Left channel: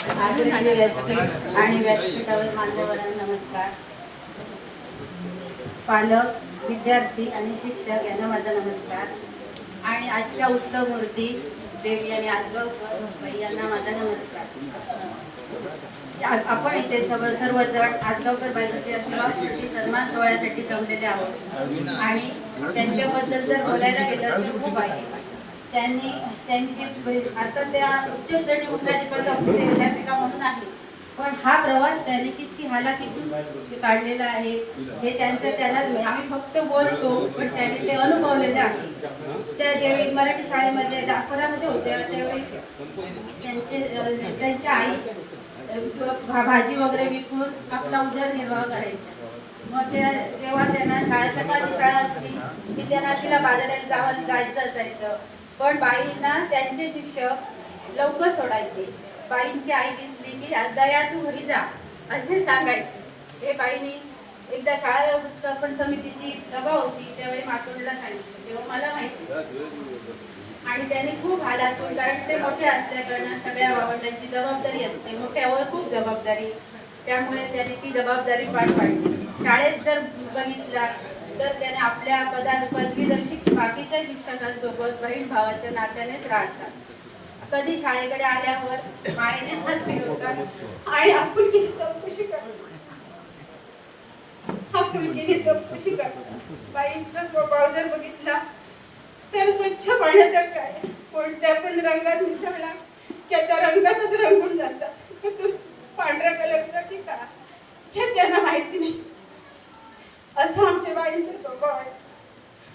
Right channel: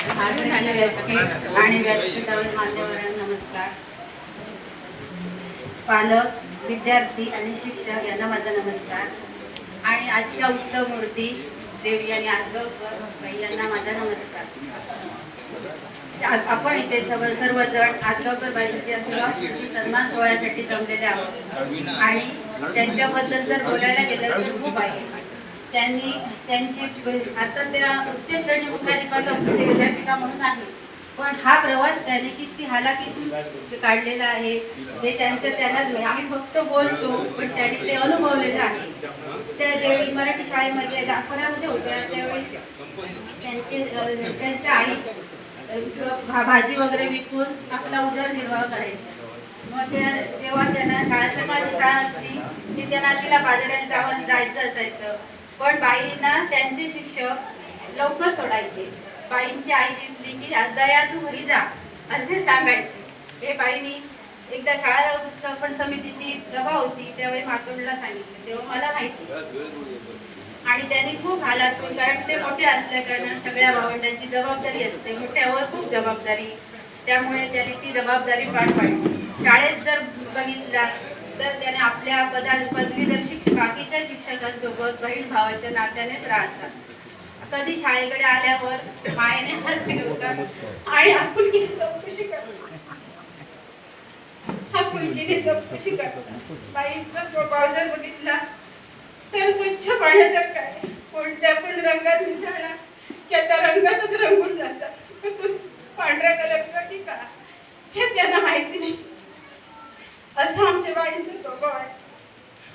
आणि व्यासपीठावर मान्यवरांना नमस्कार. पालक, विद्यार्थी आणि शिक्षक यांना माझा नमस्कार. आणि आजच्या उत्सव मूर्ती देवी आणि आजगावकर यांना माझा नमस्कार. आपण इथे सर्वजण आजगावकर बाईंच्या सन्मान सोहळ्यासाठी जमलेले आहोत. आणि त्यांच्याबद्दल जर बोलायला गेलं तर खूप आहे. त्यांनी त्यांची आता त्या उच्च श्रेणी मुख्याधिकारिका म्हणून आहे, पण हा प्रवास त्यांनी किती हालाकीतून काढलेला आहे हे त्यांनाच आम्ही फक्त बोलतो, पण त्यांनी ते अनुभवलेले आहे. त्या ज्यावेळी मराठी शाळेमध्ये दाखवण्यामध्ये होत्या त्यावेळी त्यांच्या आई भाजी वगैरे विकून आपला उदरनिर्वाह करायचा. मग तेव्हा त्यांना सकाळची शाळा असली की त्यांना तिला बाजारात जायचं असायचं, पण बाईंना त्यांचे शिक्षक लवकर सोडायचे. बाईंची आई दिसली की दया तू घरी जा असे सांगायचे. हे बाईंनी एकदा शाळा व्यवस्थापन समितीची सभा होती त्यावेळी मातोंडला सांगितलं, तेव्हा मला माहिती. आणि त्यांनी खूप हालातून, कारण ते मोठे असल्या कारणाने सगळ्या भावंडांची जबाबदारी असते, मोठ्यावर खूप जबाबदारी, त्यामुळे त्यांनी ती जबाबदारी पार पाडली. शाळेत जर बघितला तर त्याने आपल्या पदवीधर बाकीच्या शिक्षकांसोबत बहीण भावाच्या नात्यानेच राहतात. कधी शाळेकडे आल्यावर मायेने हात फिरवतात आणि आपुलकीने चौकशी करतात. आपुलकीने चौकशी करतात. बाईंचा स्वभाव जर बघितला तर स्वच्छ पाण्यासारखं आहे. कोणत्या पण रंगात मिसळला की त्या रंगातच रंगून जातात. पांढऱ्या कलरचा की का हे त्यांना माहिती नाही. असं आमच्या बाईंचा स्वभाव आहे.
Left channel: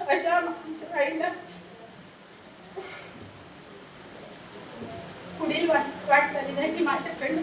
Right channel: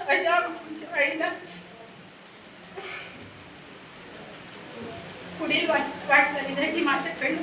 अशा आमच्या बाईला पुढील वाटचालीसाठी माझ्याकडे